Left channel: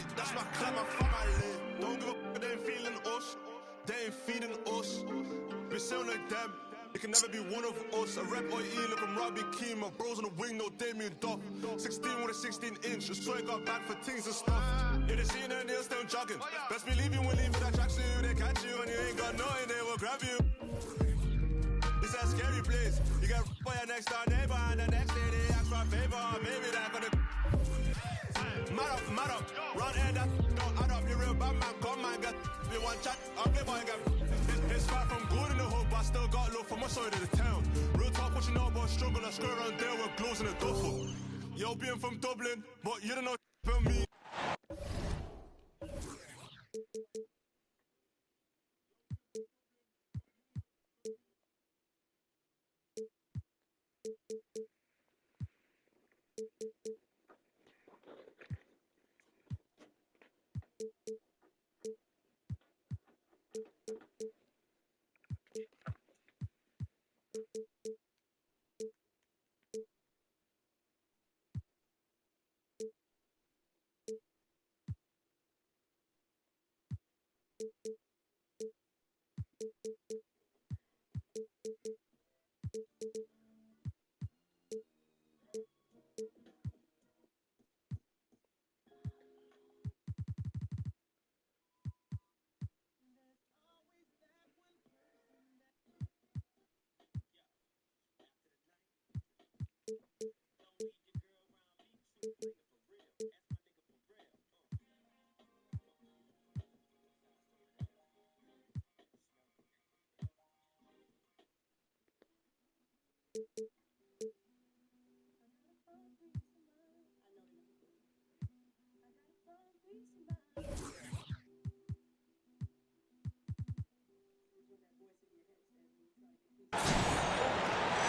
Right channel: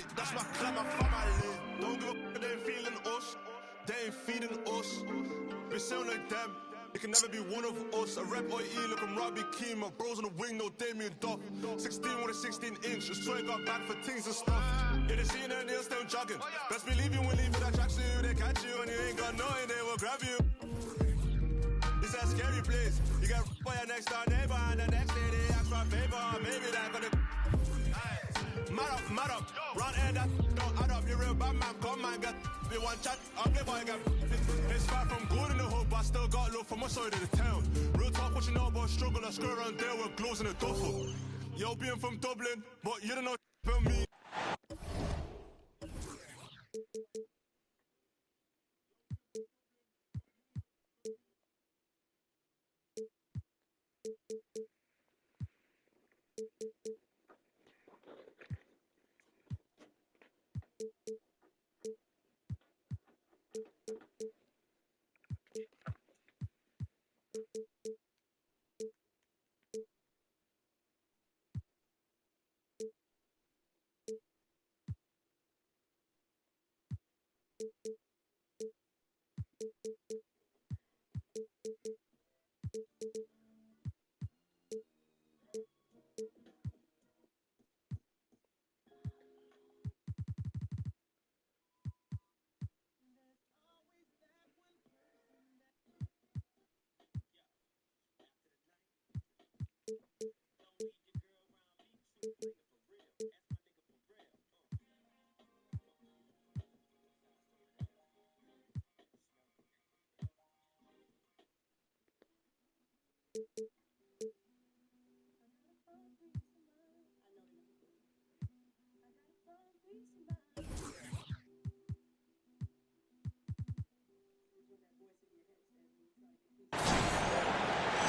lit. That's my clap, my family. Don't give a f, they ain't feeling us. They ain't feeding us. We sound like them. They can never be one of us. I rap OE, look, I'm Robbie Keane. My bros on the wing, no Damien Duff. 16 with a 16-inch. Just try got back for things and stuff. Yeah, they see their nails still jogging. Best believe you will leave with that tracksuit. They catch you and you ain't got nothing, they will grab you. It's a scary place. You get by your next door neighbor and the next day they ask for a favor. Maybe they're gonna mad up. Round here that don't add up. You real bad man, come man, get you one chat. Ugly boy, get. It's far from good in the hood, but I still got love for my side of the town. Real talk, what you know about struggle? I screw around there with gloves in a duffel. Yo, being from Dublin, but you don't know about me.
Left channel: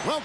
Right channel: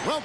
Well,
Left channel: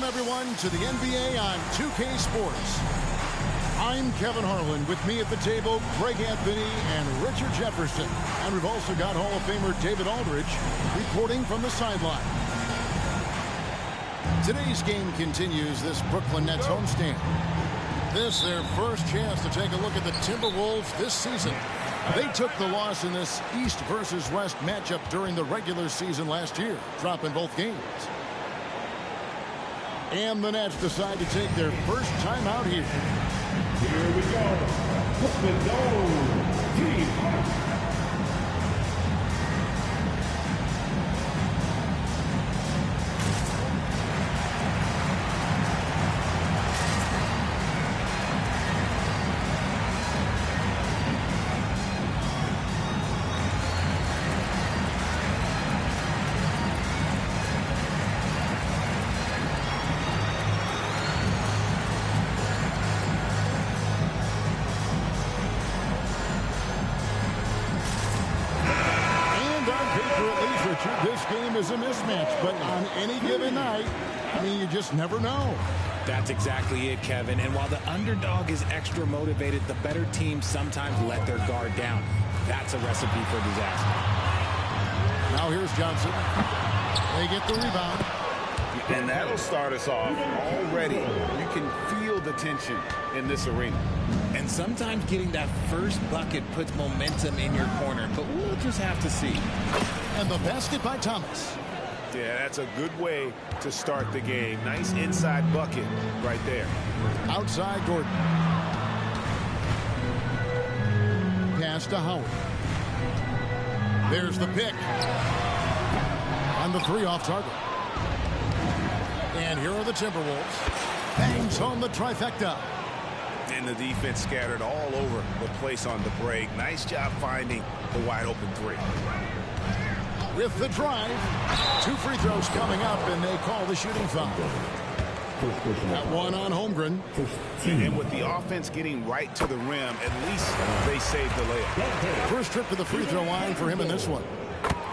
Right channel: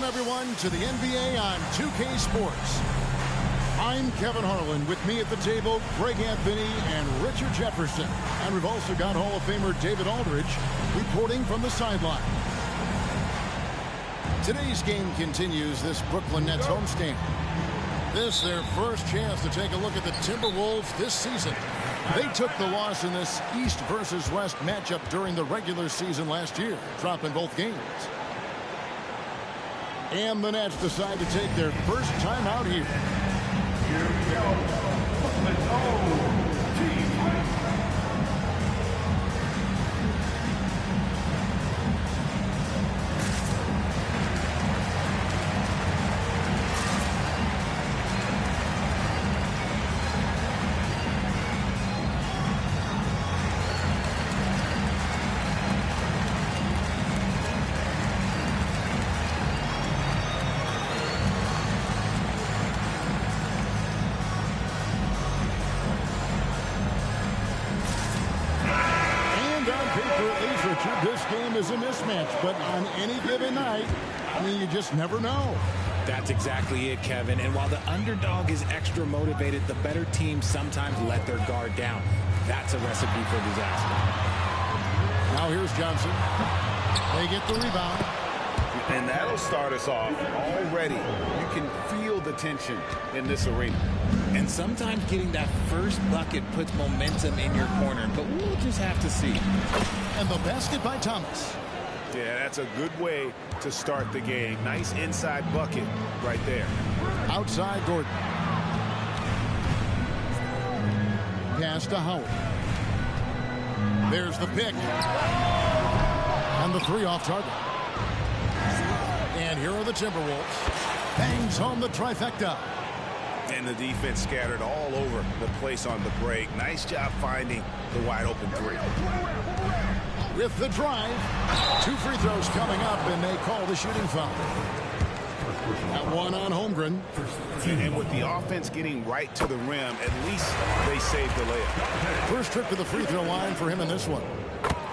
welcome everyone to the NBA on 2K Sports. I'm Kevin Harlan. With me at the table, Greg Anthony and Richard Jefferson. And we've also got Hall of Famer David Aldridge reporting from the sideline. Today's game continues this Brooklyn Nets homestand. This their first chance to take a look at the Timberwolves this season. They took the loss in this East versus West matchup during the regular season last year, dropping both games. And the Nets decide to take their first time out here. Here we go. Brooklyn Dome. Team. Richard, this game is a mismatch, but on any given night, I mean, you just never know. That's exactly it, Kevin. And while the underdog is extra motivated, the better teams sometimes let their guard down. That's a recipe for disaster. Now here's Johnson. They get the rebound. And that'll start us off already. You can feel the tension in this arena. And sometimes getting that first bucket puts momentum in your corner, but we'll just have to see. And the basket by Thomas. Yeah, that's a good way to start the game. Nice inside bucket right there. Outside Gordon. Pass to Howard. There's the pick. And the three off target. And here are the Timberwolves. Bangs home the trifecta. And the defense scattered all over the place on the break. Nice job finding the wide open three. With the drive, 2 free throws coming up, and they call the shooting foul. That one on Holmgren. And with the offense getting right to the rim, at least they saved the layup. First trip to the free throw line for him in this one.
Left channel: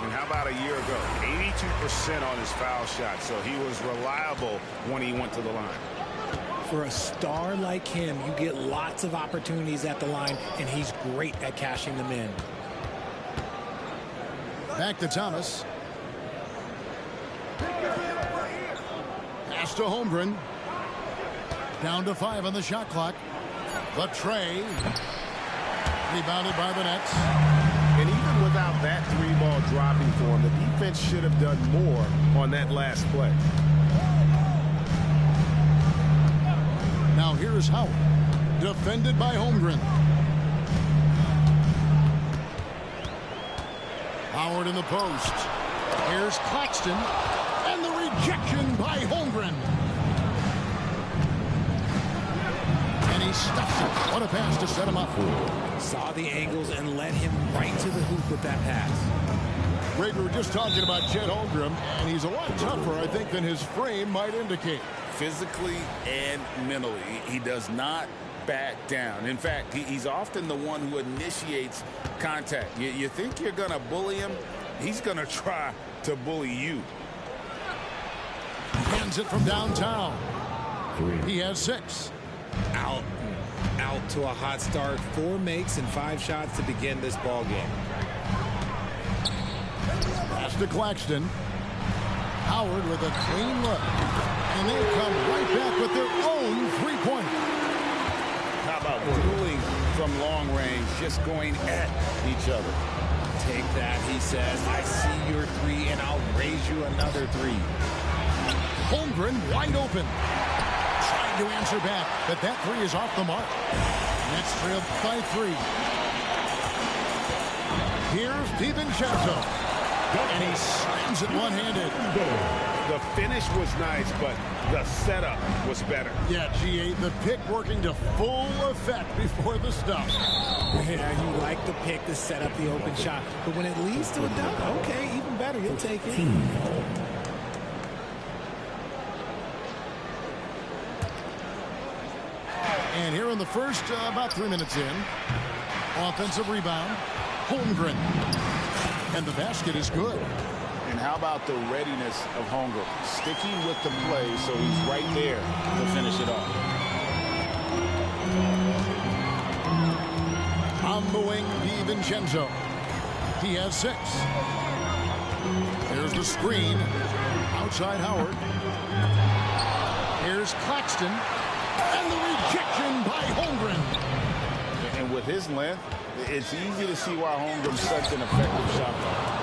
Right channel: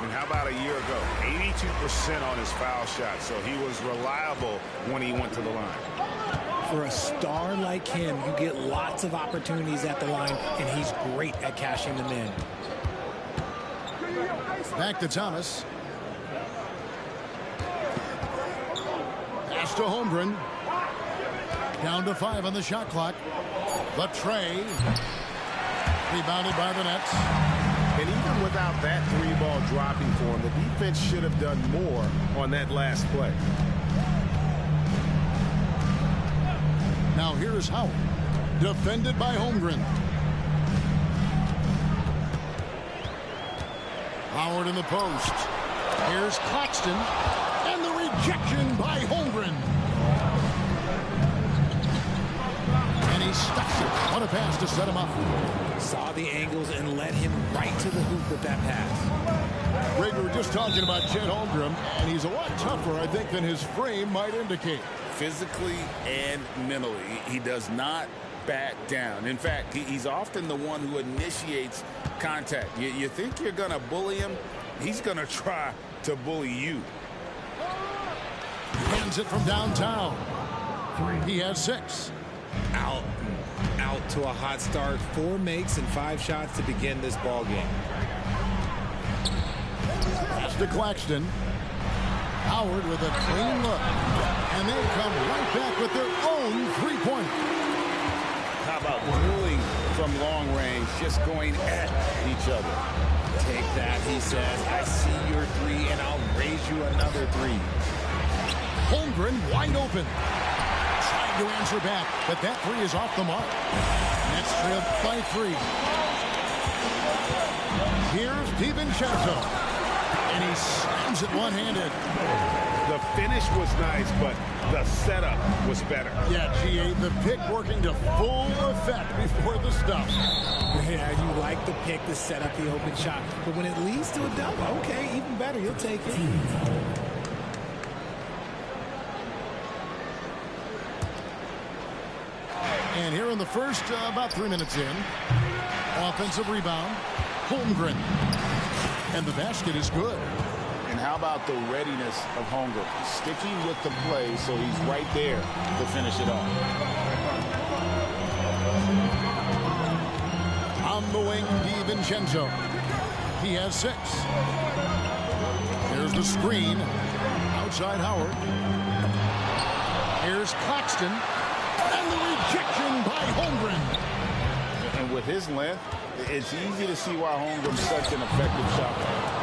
And how about a year ago? 82% on his foul shot, so he was reliable when he went to the line. For a star like him, you get lots of opportunities at the line, and he's great at cashing them in. Back to Thomas. Pass to Holmgren. Down to 5 on the shot clock. The tray. Rebounded by the Nets. And even without that three ball dropping for him, the defense should have done more on that last play. Now here's Howard. Defended by Holmgren. Howard in the post. Here's Claxton. And the rejection by Holmgren. And he stuffs it. What a pass to set him up. Saw the angles and led him right to the hoop with that pass. Greg, we were just talking about Chet Holmgren, and he's a lot tougher, I think, than his frame might indicate. Physically and mentally, he does not back down. In fact, he's often the one who initiates contact. You think you're going to bully him, he's going to try to bully you. Hands it from downtown. He has 6. Out to a hot start. 4 makes and 5 shots to begin this ball game. Pass to Claxton. Howard with a clean look. And they come right back with their own three-pointer. How about dueling from long range, just going at each other? Take that, he says. I see your 3, and I'll raise you another 3. Holmgren wide open. Trying to answer back, but that 3 is off the mark. Nets trailed by 3. Here's DiVincenzo. And he slams it one-handed. The finish was nice, but the setup was better. Yeah, G8, the pick working to full effect before the stuff. Yeah, you like the pick to set up the open shot. But when it leads to a dunk, okay, even better. You'll take it. And here in the first, about 3 minutes in, offensive rebound, Holmgren. And the basket is good. And how about the readiness of Holmgren? Sticking with the play, so he's right there to finish it off. On the wing, DiVincenzo. He has 6. There's the screen. Outside Howard. Here's Claxton. And the rejection by Holmgren. And with his length, it's easy to see why Holmgren's such an effective shot blocker.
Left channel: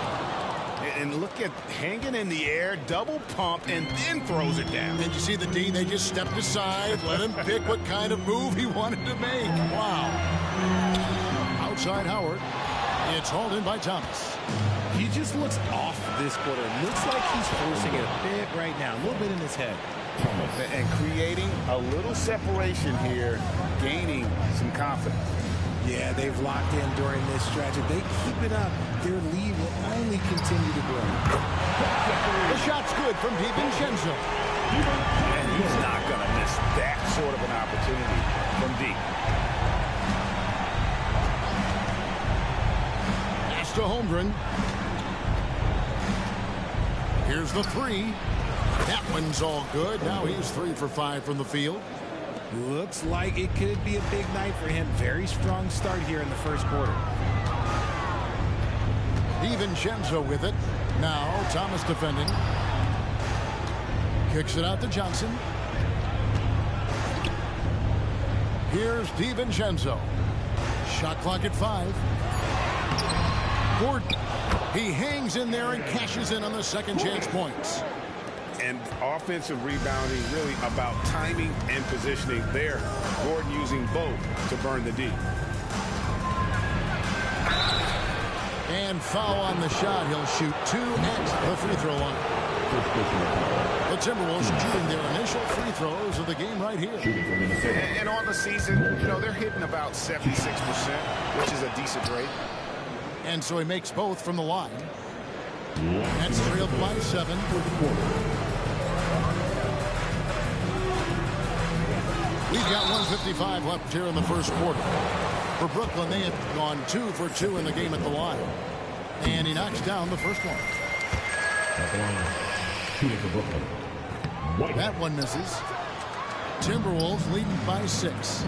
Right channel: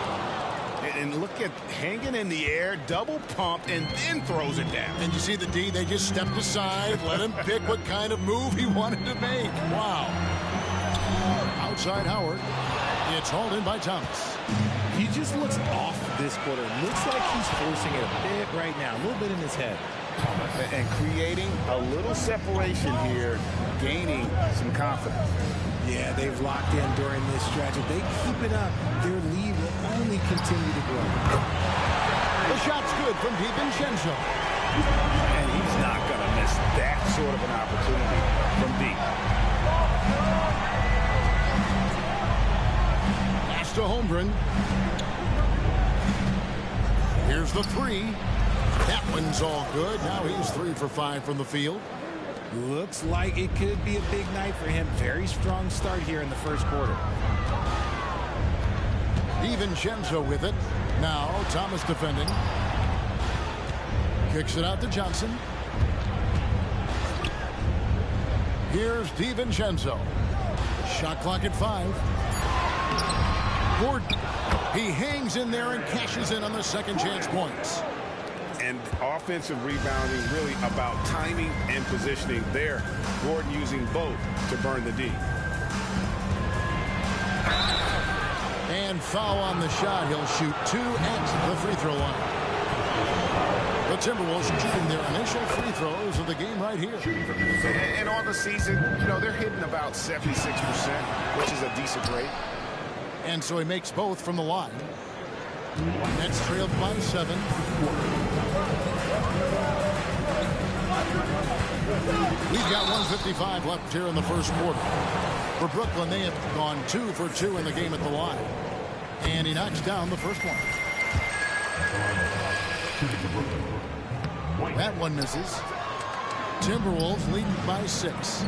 And look at hanging in the air, double pump, and then throws it down. And you see the D, they just stepped aside, let him pick what kind of move he wanted to make. Wow. Outside Howard. It's hauled in by Thomas. He just looks off this quarter. Looks like he's forcing it a bit right now, a little bit in his head. And creating a little separation here, gaining some confidence. Yeah, they've locked in during this stretch. If they keep it up, their lead will only continue to grow. The shot's good from DiVincenzo. And he's not going to miss that sort of an opportunity from deep. Pass to Holmgren. Here's the 3. That one's all good. Now he's 3 for 5 from the field. Looks like it could be a big night for him. Very strong start here in the first quarter. DiVincenzo with it. Now Thomas defending. Kicks it out to Johnson. Here's DiVincenzo. Shot clock at 5. Gordon. He hangs in there and cashes in on the second chance points. And offensive rebounding really about timing and positioning there. Gordon using both to burn the D. And foul on the shot. He'll shoot 2 at the free throw line. The Timberwolves shooting their initial free throws of the game right here. And on the season, you know, they're hitting about 76%, which is a decent rate. And so he makes both from the line. Nets trailed by 7. We've got 1:55 left here in the first quarter. For Brooklyn, they have gone 2 for 2 in the game at the line. And he knocks down the first one. That one misses. Timberwolves leading by 6.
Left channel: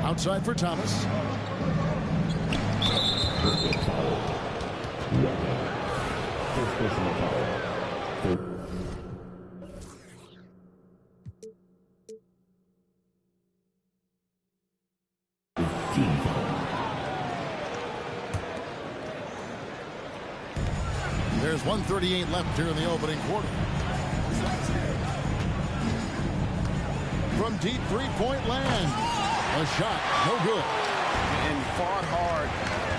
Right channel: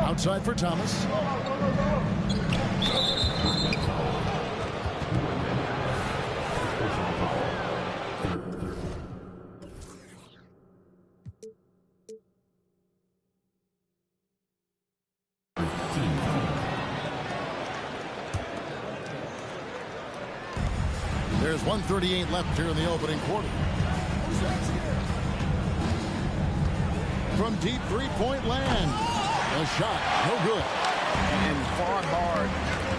Outside for Thomas. There's 1:38 left here in the opening quarter. From deep three-point land. A shot, no good. And fought hard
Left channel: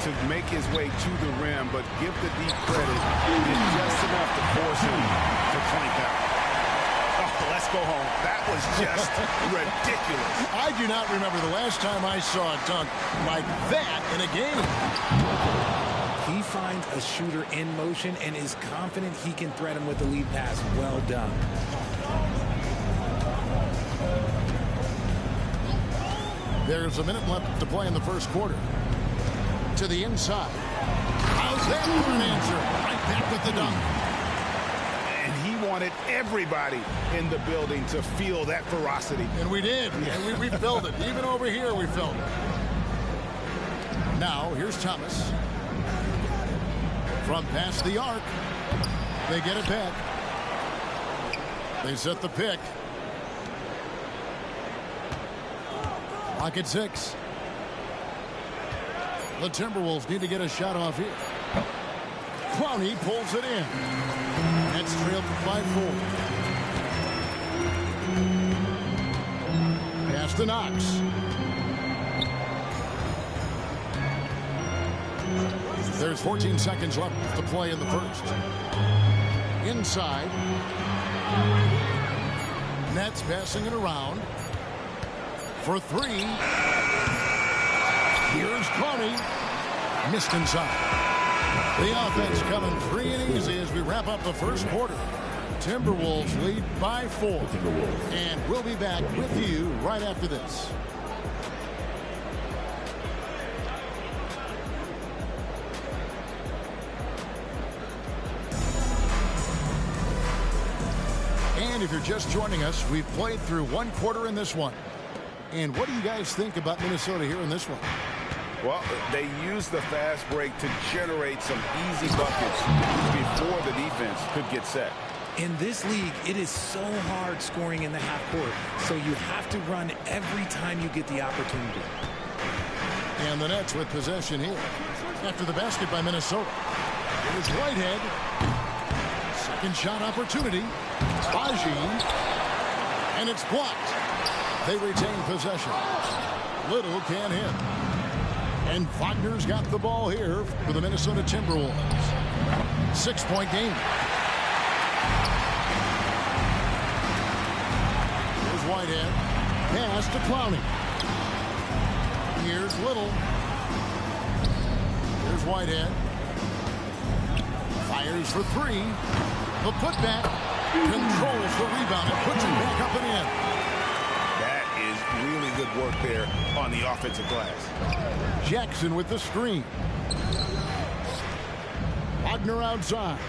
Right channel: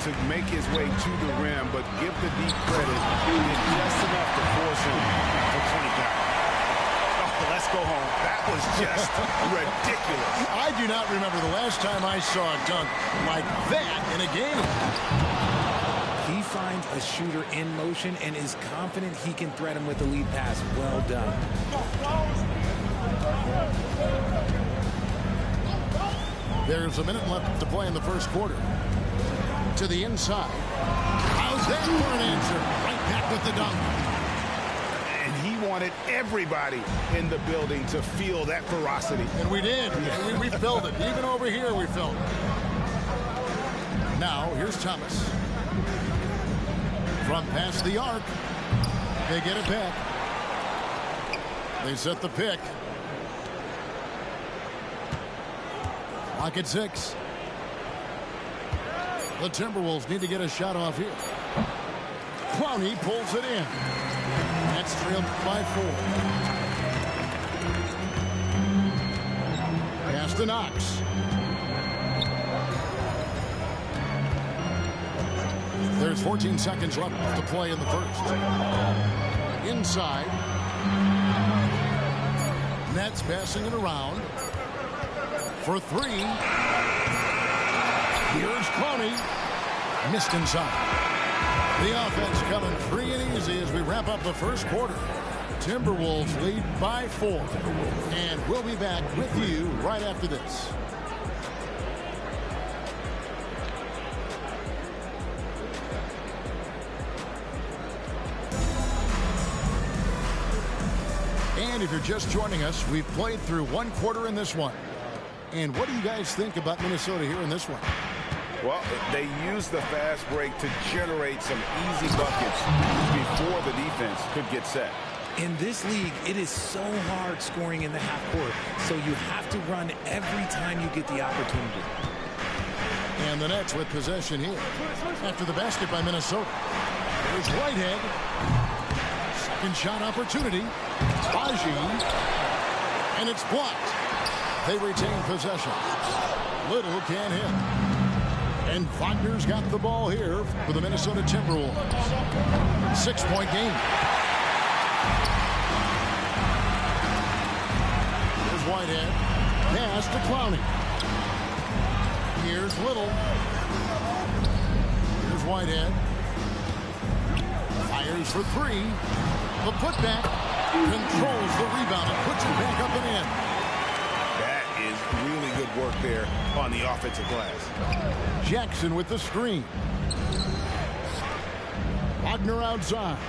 to make his way to the rim, but give the D credit. He did just enough to force him to clank out. Oh, let's go home. That was just ridiculous. I do not remember the last time I saw a dunk like that in a game. He finds a shooter in motion and is confident he can thread him with the lead pass. Well done. There's a minute left to play in the first quarter. To the inside. How's that for an answer? Right back with the dunk. And he wanted everybody in the building to feel that ferocity. And we did. And we felt it. Even over here, we felt it. Now, here's Thomas. From past the arc. They get it back. They set the pick. Clock at 6. The Timberwolves need to get a shot off here. Clowney pulls it in. Nets trailed by 4. Pass to Knox. There's 14 seconds left to play in the first. Inside. Nets passing it around. For 3. Here's Clowney. Missed inside. The offense coming free and easy as we wrap up the first quarter. Timberwolves lead by 4. And we'll be back with you right after this. And if you're just joining us, we've played through one quarter in this one. And what do you guys think about Minnesota here in this one? Well, they used the fast break to generate some easy buckets before the defense could get set. In this league, it is so hard scoring in the half court, so you have to run every time you get the opportunity. And the Nets with possession here. After the basket by Minnesota. Here's Whitehead. Second shot opportunity. Agin. And it's blocked. They retain possession. Little can't hit. And Wagner's got the ball here for the Minnesota Timberwolves. 6-point game. Here's Whitehead. Pass to Clowney. Here's Little. Here's Whitehead. Fires for 3. The putback. Controls the rebound and puts it back up and in. That is really good work there on the offensive glass. Jackson with the screen. Wagner outside.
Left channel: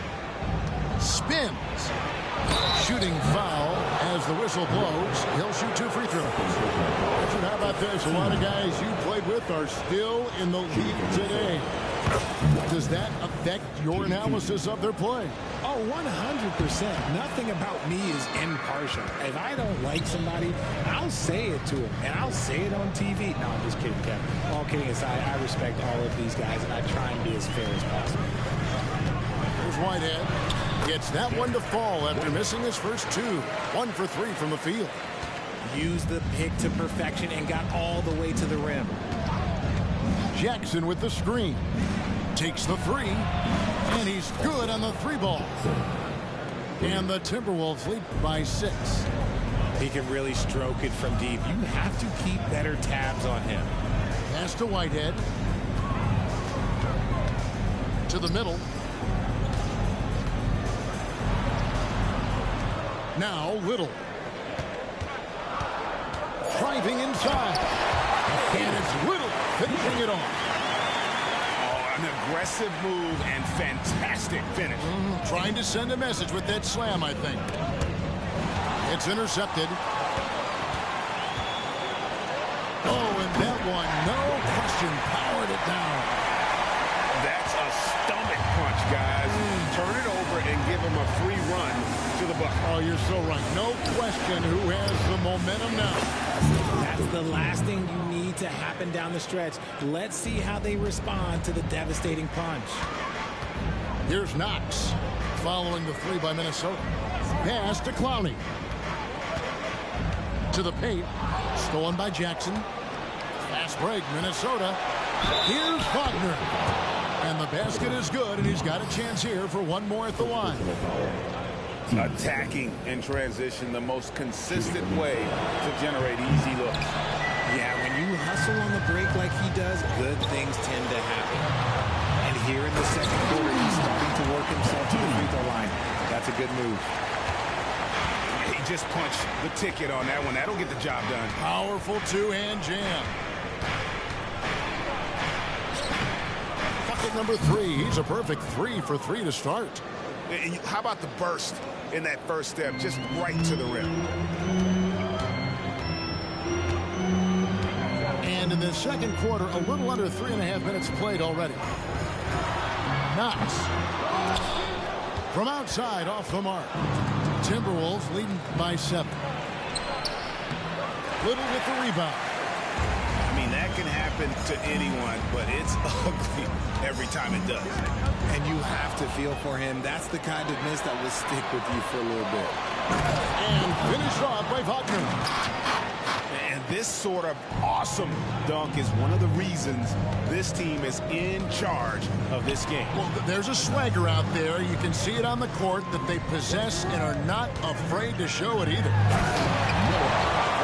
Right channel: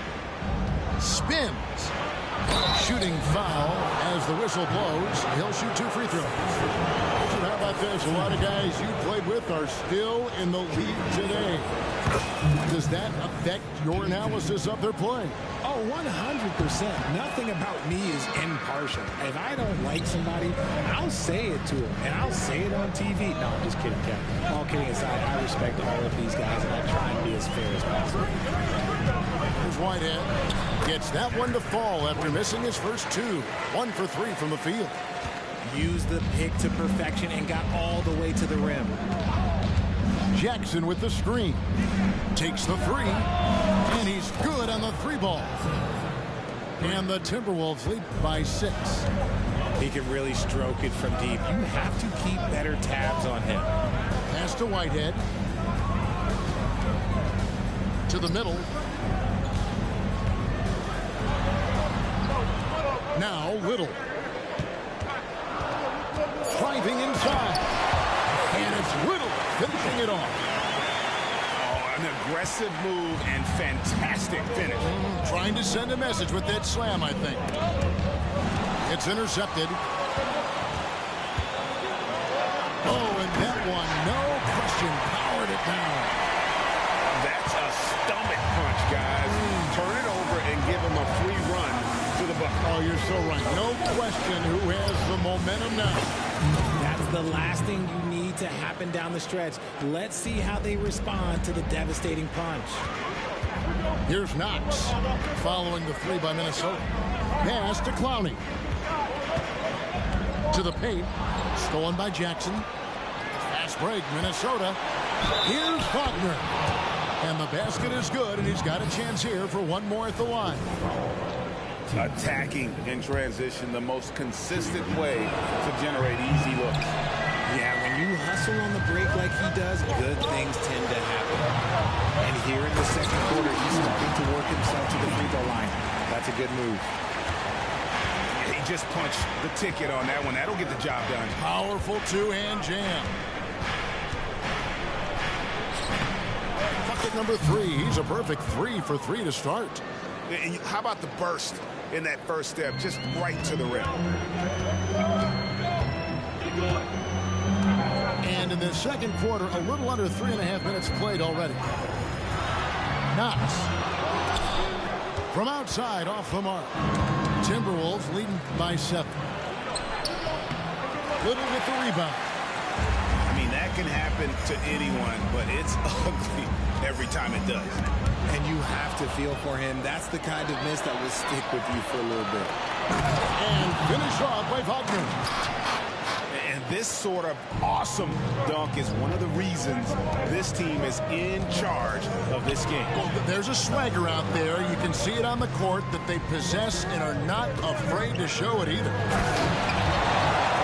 Spins. Shooting foul as the whistle blows. He'll shoot 2 free throws. Richard, how about this? A lot of guys you played with are still in the league today. Does that affect your analysis of their play? Oh, 100%. Nothing about me is impartial. If I don't like somebody, I'll say it to them, and I'll say it on TV. No, I'm just kidding, Kevin. All kidding aside, I respect all of these guys, and I try and be as fair as possible. Here's Whitehead. Gets that one to fall after missing his first 2. 1 for 3 from the field. Used the pick to perfection and got all the way to the rim. Jackson with the screen. Takes the 3. And he's good on the 3 ball. And the Timberwolves lead by 6. He can really stroke it from deep. You have to keep better tabs on him. Pass to Whitehead. To the middle. Now Little. Driving inside. And it's Little finishing it off. Oh, an aggressive move and fantastic finish. Trying to send a message with that slam, I think. It's intercepted. Oh, and that one, no question, powered it down. That's a stomach punch, guys. Turn it over and give him a free run to the bucket. Oh, you're so right. No question who has the momentum now. That's the last thing you need to happen down the stretch. Let's see how they respond to the devastating punch. Here's Knox following the 3 by Minnesota. Pass to Clowney. To the paint. Stolen by Jackson. Fast break, Minnesota. Here's Wagner. And the basket is good, and he's got a chance here for one more at the line. Attacking in transition, the most consistent way to generate easy looks. Yeah, when you hustle on the break like he does, good things tend to happen. And here in the second quarter, he's starting to work himself to the free throw line. That's a good move. He just punched the ticket on that one. That'll get the job done. Powerful 2-hand jam. Bucket number 3. He's a perfect 3 for 3 to start. How about the burst in that first step, just right to the rim? And in the second quarter, a little under 3.5 minutes played already. Knox. From outside, off the mark. Timberwolves leading by 7. Little with the rebound. I mean, that can happen to anyone, but it's ugly every time it does. And you have to feel for him. That's the kind of miss that will stick with you for a little bit. And finished off by Wagner. And this sort of awesome dunk is one of the reasons this team is in charge of this game. Well, there's a swagger out there. You can see it on the court that they possess and are not afraid to show it either.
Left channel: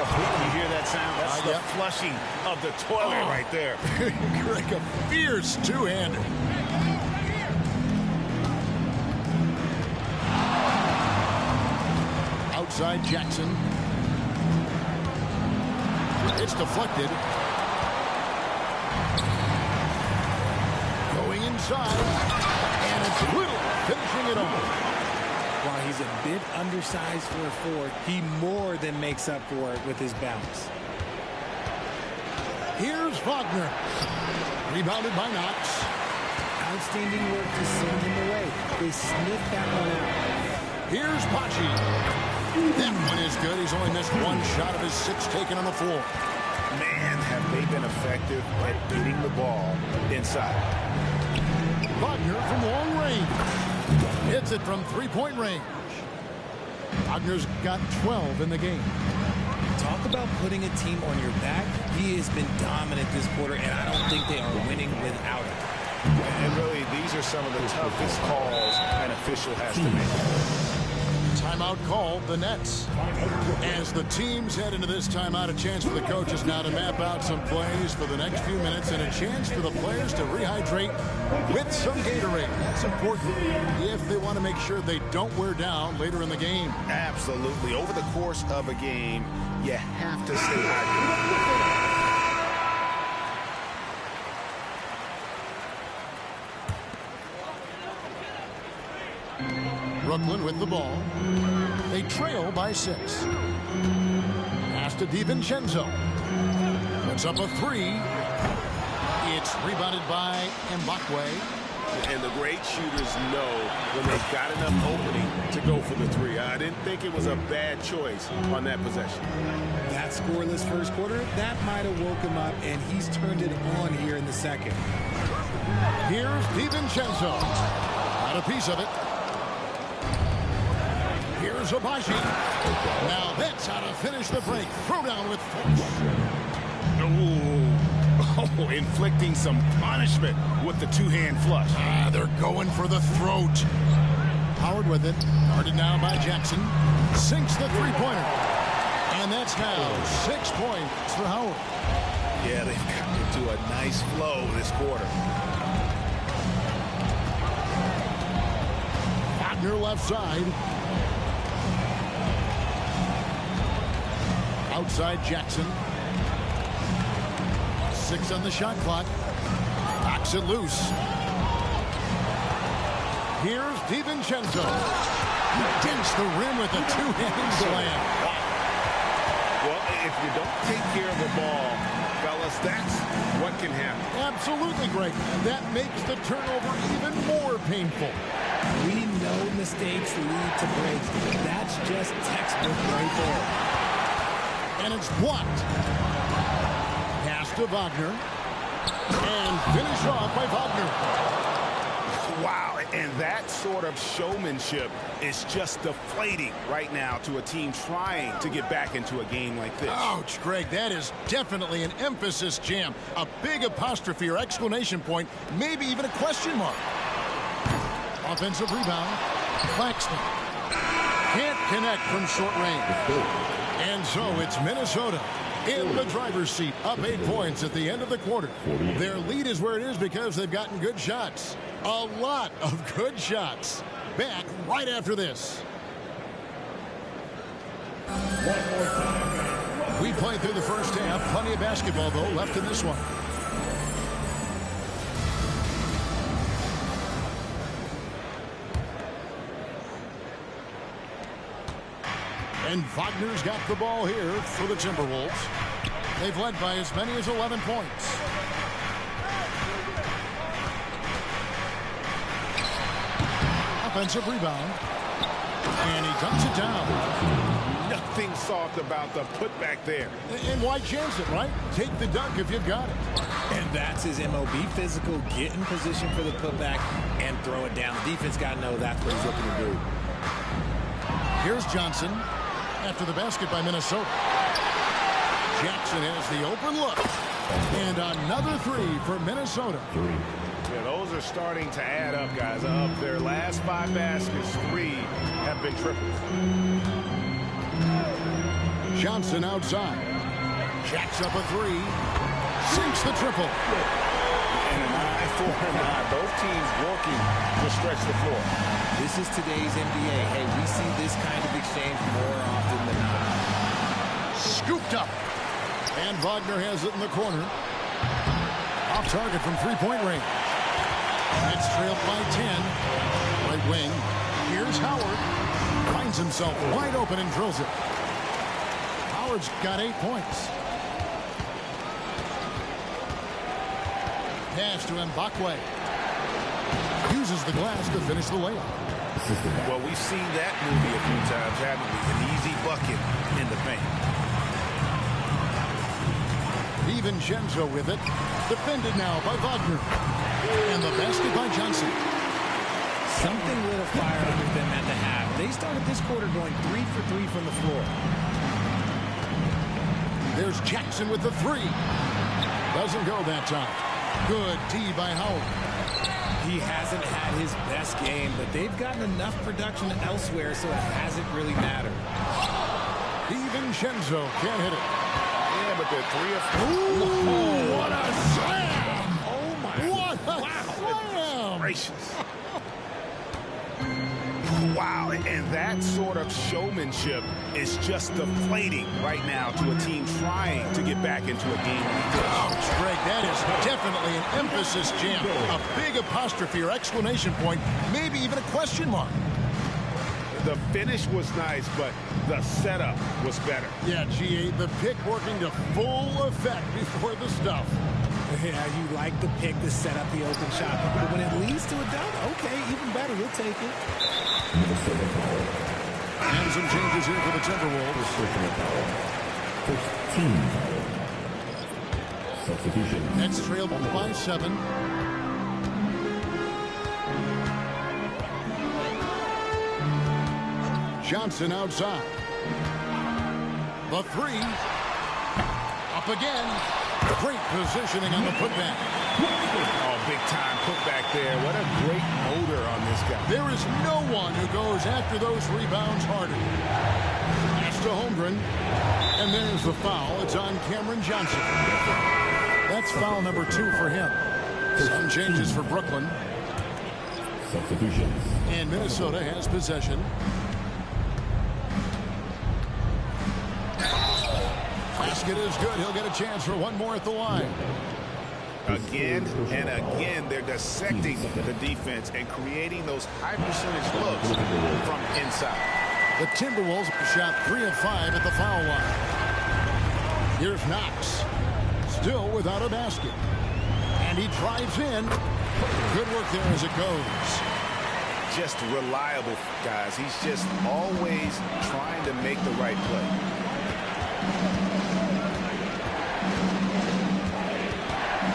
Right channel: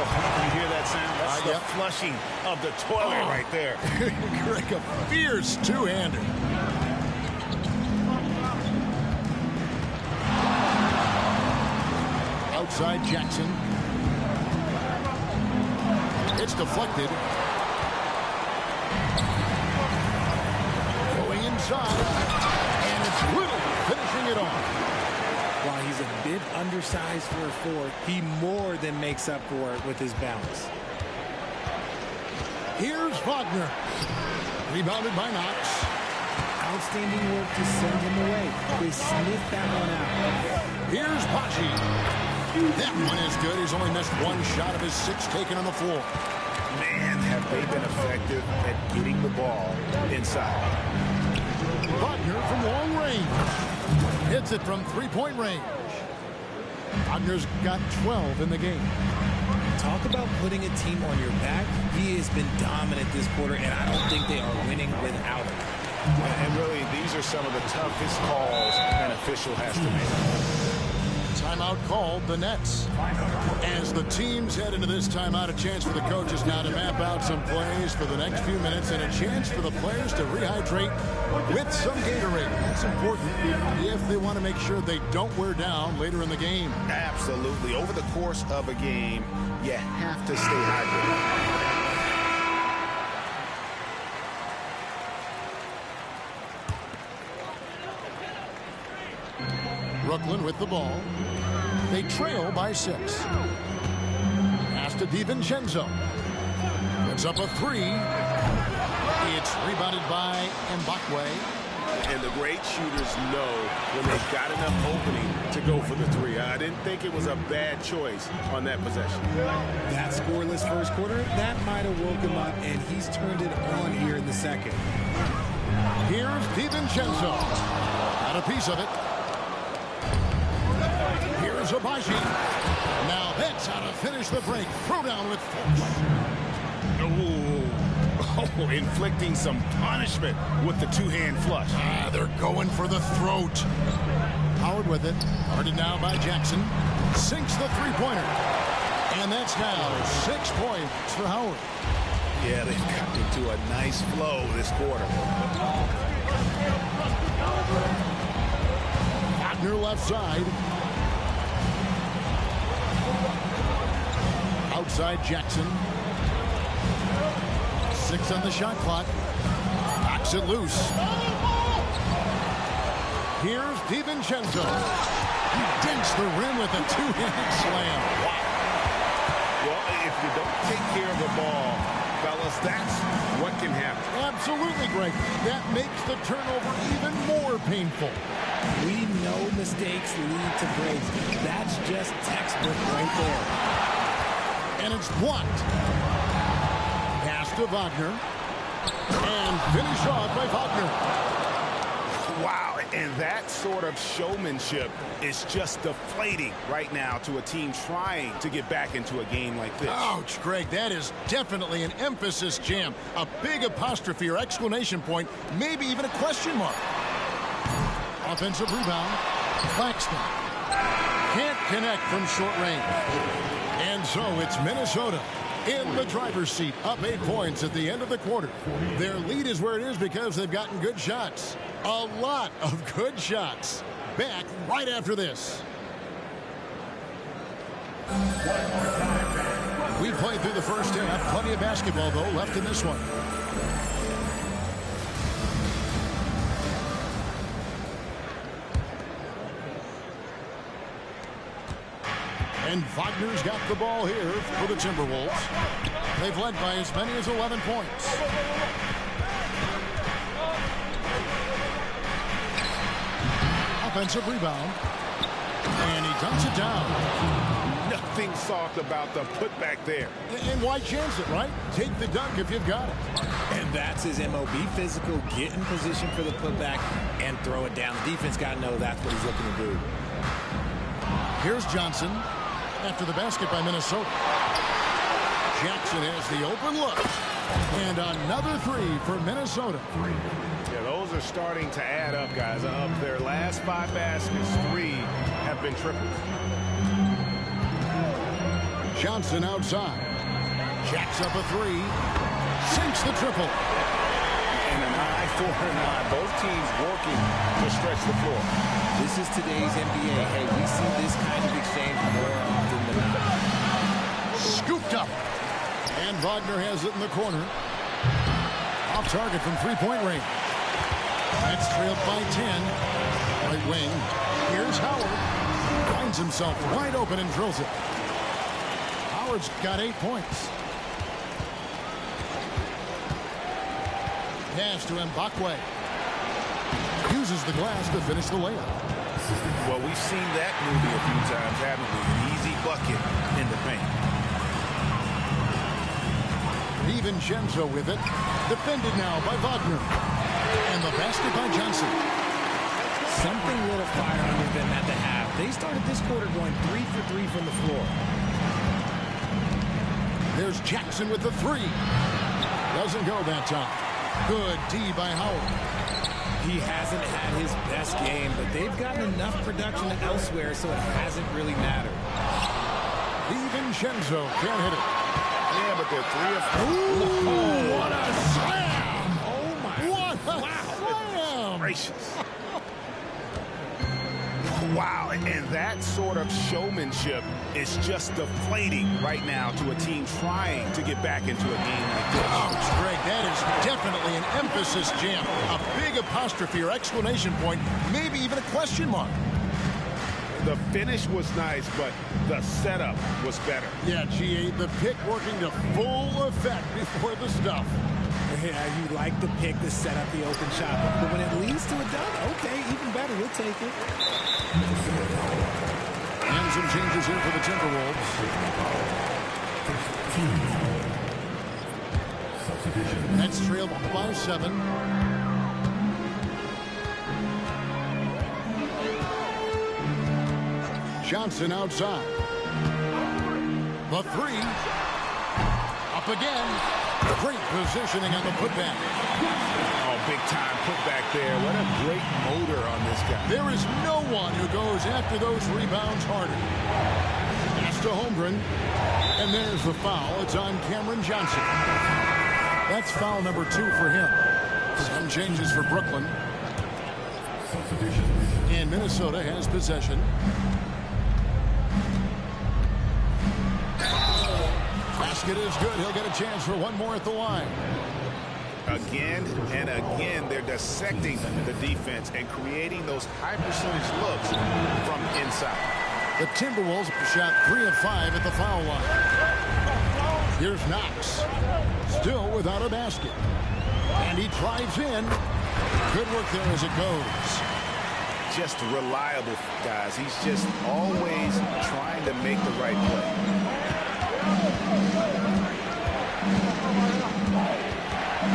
You hear that sound? That's the flushing of the toilet right there. Greg, a fierce 2-hander. Outside Jackson. It's deflected. Going inside. And it's Little finishing it off. While he's a bit undersized for a 4, he more than makes up for it with his bounce. Here's Wagner. Rebounded by Knox. Outstanding work to send him away. They sniffed that one out. Here's Pachi. That one is good. He's only missed 1 shot of his 6 taken on the floor. Man, have they been effective at getting the ball inside. Wagner from long range. Hits it from 3-point range. Wagner's got 12 in the game. Talk about putting a team on your back. He has been dominant this quarter, and I don't think they are winning without him. And really, these are some of the toughest calls an official has to make. Timeout called the Nets. As the teams head into this timeout, a chance for the coaches now to map out some plays for the next few minutes and a chance for the players to rehydrate with some Gatorade. That's important if they want to make sure they don't wear down later in the game. Absolutely. Over the course of a game, you have to stay hydrated. Brooklyn with the ball. They trail by 6. Pass to DiVincenzo. Puts up a 3. It's rebounded by Mbakwe. And the great shooters know when they've got enough opening to go for the 3. I didn't think it was a bad choice on that possession. That scoreless first quarter, that might have woke him up, and he's turned it on here in the second. Here's DiVincenzo. Got a piece of it. Here's Abaji. Now that's how to finish the break. Throw down with force. Oh, inflicting some punishment with the two-hand flush. They're going for the throat. Howard with it. Guarded now by Jackson. Sinks the three-pointer. And that's now 6 points for Howard. Yeah, they've gotten into a nice flow this quarter. Wagner left side. Outside Jackson. 6 on the shot clock. Knocks it loose. Here's DiVincenzo. He dents the rim with a two-handed slam. Wow. Well, if you don't take care of the ball, fellas, that's what can happen. Absolutely, Greg. That makes the turnover even more painful. We know mistakes lead to breaks. That's just textbook right there. And it's blocked. Pass to Wagner. And finish off by Wagner. Wow, and that sort of showmanship is just deflating right now to a team trying to get back into a game like this. Ouch, Greg, that is definitely an emphasis jam. A big apostrophe or exclamation point, maybe even a question mark. Offensive rebound. Claxton. Can't connect from short range. And so it's Minnesota in the driver's seat, up 8 points at the end of the quarter. Their lead is where it is because they've gotten good shots. A lot of good shots. Back right after this. We played through the first half. Plenty of basketball, though, left in this one. And Wagner's got the ball here for the Timberwolves. They've led by as many as 11 points. Offensive rebound. And he dumps it down. Nothing soft about the putback there. And why chance it, right? Take the dunk if you've got it. And that's his MOB, physical, get in position for the putback, and throw it down. The defense got to know that's what he's looking to do. Here's Johnson after the basket by Minnesota. Jackson has the open look. And another 3 for Minnesota. Yeah, those are starting to add up, guys. Of their last 5 baskets, 3 have been triples. Johnson outside. Jacks up a 3. Sinks the triple. And an eye for an eye. Both teams working to stretch the floor. This is today's NBA. Hey, we see this kind of exchange more often than not. Scooped up. And Wagner has it in the corner. Off target from three-point range. Nets trailed by 10. Right wing. Here's Howard. Finds himself wide open and drills it. Howard's got 8 points. Pass to Mbakwe. Uses the glass to finish the layup. Well, we've seen that movie a few times, haven't we? An easy bucket in the paint. DiVincenzo with it. Defended now by Wagner. And the basket by Johnson. Something lit a fire under them at the half. They started this quarter going 3 for 3 from the floor. There's Jackson with the 3. Doesn't go that time. Good D by Howard. He hasn't had his best game, but they've gotten enough production elsewhere, so it hasn't really mattered. DiVincenzo can't hit it. Yeah, but they're 3 of 4. Ooh, what a slam! Oh, my. What a slam! Gracious. Wow, and that sort of showmanship is just deflating right now to a team trying to get back into a game like this. Ouch, Greg, that is definitely an emphasis jam. A big apostrophe or exclamation point, maybe even a question mark. The finish was nice, but the setup was better. Yeah, GA, the pick working to full effect before the stuff. Yeah, you like the pick to set up the open shot, but when it leads to a dunk, okay, even better, you'll take it. And some changes here for the Timberwolves. First team foul. Substitution. Nets trailed by 7. Johnson outside. The 3. Up again. Great positioning on the putback. Oh, big time putback there. What a great motor on this guy. There is no one who goes after those rebounds harder. Pass to Holmgren. And there's the foul. It's on Cameron Johnson. That's foul number 2 for him. Some changes for Brooklyn. Substitutions. And Minnesota has possession. Basket is good. He'll get a chance for one more at the line. Again and again, they're dissecting the defense and creating those high percentage looks from inside. The Timberwolves shot 3 of 5 at the foul line. Here's Knox. Still without a basket. And he drives in. Good work there as it goes. Just reliable, guys. He's just always trying to make the right play.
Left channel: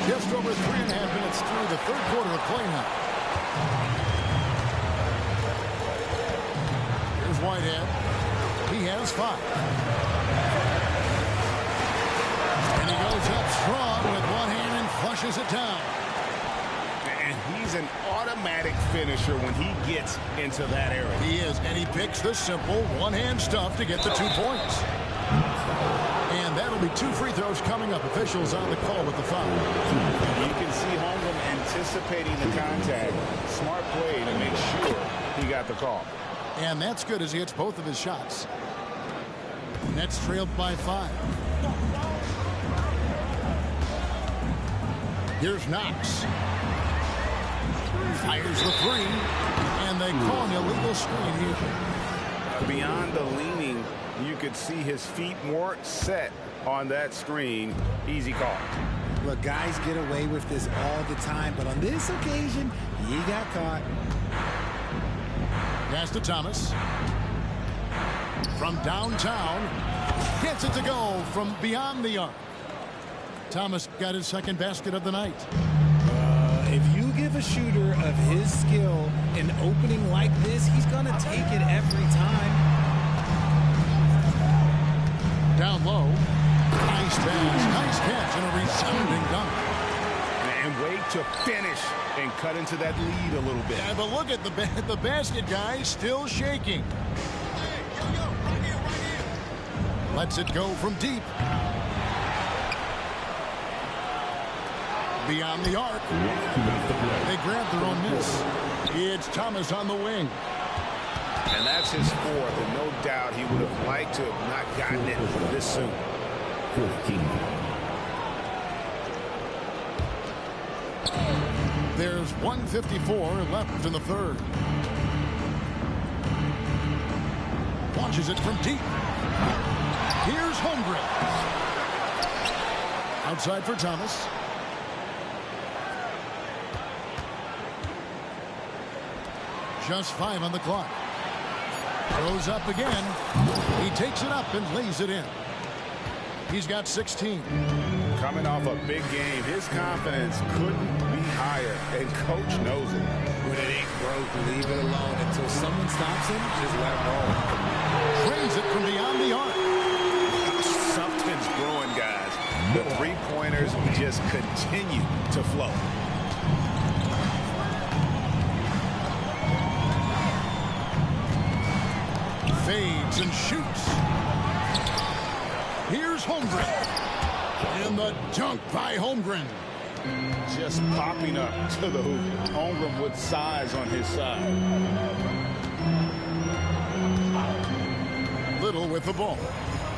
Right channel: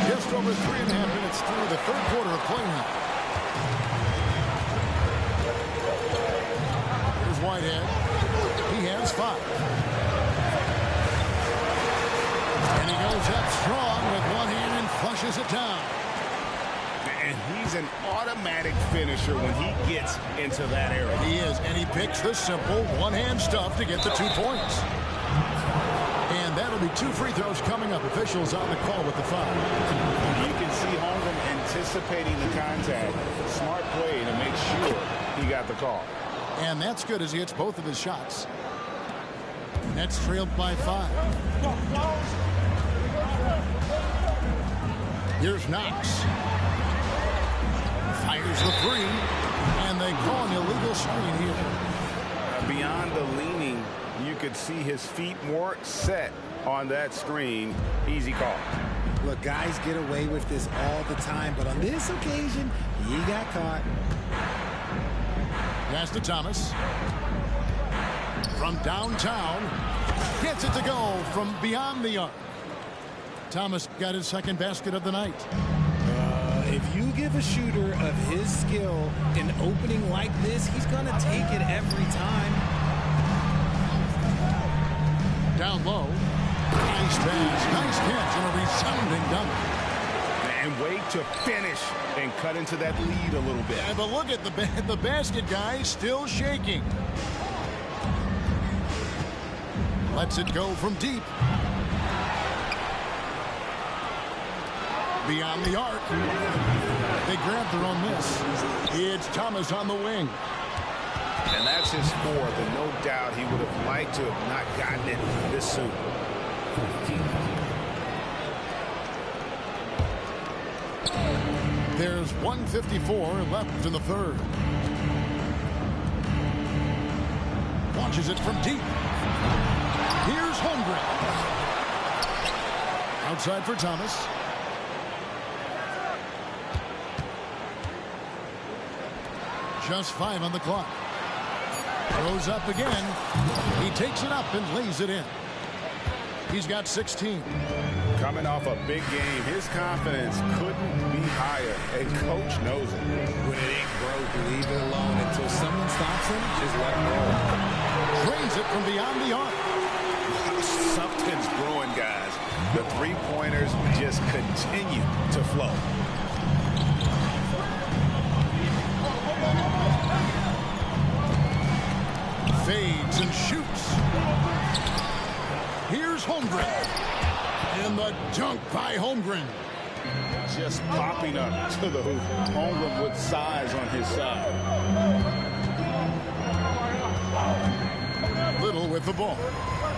Just over 3.5 minutes through the third quarter of play now. Here's Whitehead. He has 5. And he goes up strong with one hand and flushes it down. And he's an automatic finisher when he gets into that area. He is, and he picks the simple one-hand stuff to get the 2 points. And that'll be 2 free throws coming up. Officials on the call with the foul. You can see Holmgren anticipating the contact. Smart play to make sure he got the call. And that's good as he hits both of his shots. Nets trailed by 5. Here's Knox. Fires the 3. And they call an illegal screen here. Beyond the leaning, you could see his feet more set on that screen. Easy call. Look, guys get away with this all the time, but on this occasion, he got caught. Pass to Thomas. From downtown. Gets it to go from beyond the arc. Thomas got his second basket of the night. If you give a shooter of his skill an opening like this, he's going to take it every time. Down low. Nice pass. Nice catch and a resounding dunk. And wait to finish and cut into that lead a little bit. Yeah, but look at the basket guy still shaking. Lets it go from deep. Beyond the arc. They grab their own miss. It's Thomas on the wing. And that's his 4th, and no doubt he would have liked to have not gotten it this soon. 14. There's 1:54 left in the third. Launches it from deep. Here's Holmgren. Outside for Thomas. Just 5 on the clock. Throws up again. He takes it up and lays it in. He's got 16. Coming off a big game, his confidence couldn't be higher, and coach knows it. When it ain't broke, leave it alone until someone stops him. Just let him roll. Drains it from beyond the arc. Something's brewing, guys. The three-pointers just continue to flow. Fades and shoots. Here's Holmgren. And the dunk by Holmgren. Just popping up to the hoop. Holmgren with size on his side. Little with the ball.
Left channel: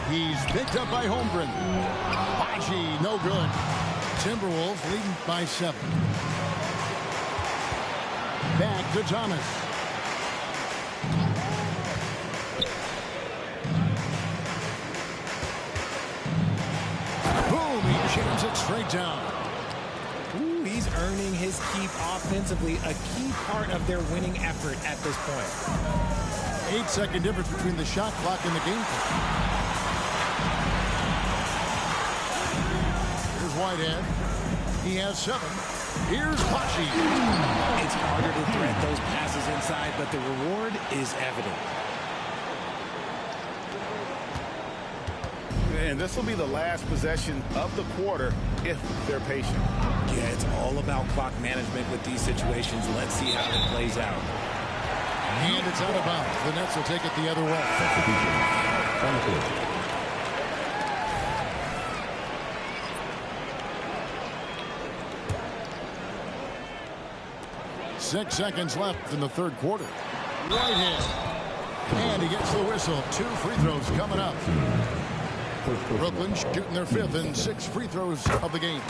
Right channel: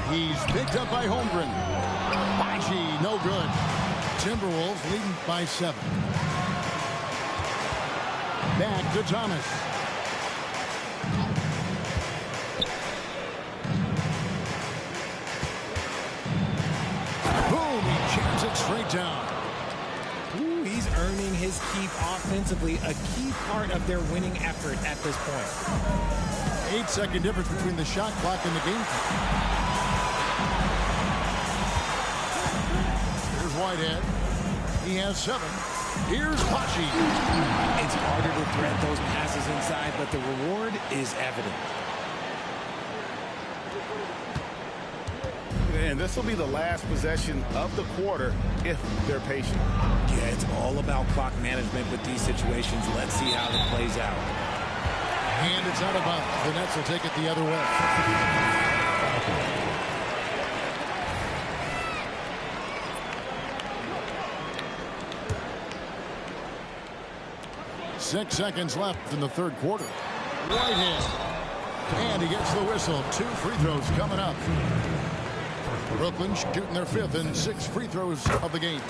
He's picked up by Holmgren. Baji, no good. Timberwolves leading by 7. Back to Thomas. Boom, he jams it straight down. Ooh, he's earning his keep offensively, a key part of their winning effort at this point. 8-second difference between the shot clock and the game clock. Here's Whitehead. He has 7. Here's Baji. It's harder to thread those passes inside, but the reward is evident. And this will be the last possession of the quarter if they're patient. Yeah, it's all about clock management with these situations. Let's see how it plays out. And it's out of bounds. The Nets will take it the other way. Substitution. 6 seconds left in the third quarter. Whitehead. And he gets the whistle. 2 free throws coming up. Brooklyn shooting their 5th and 6 free throws of the game.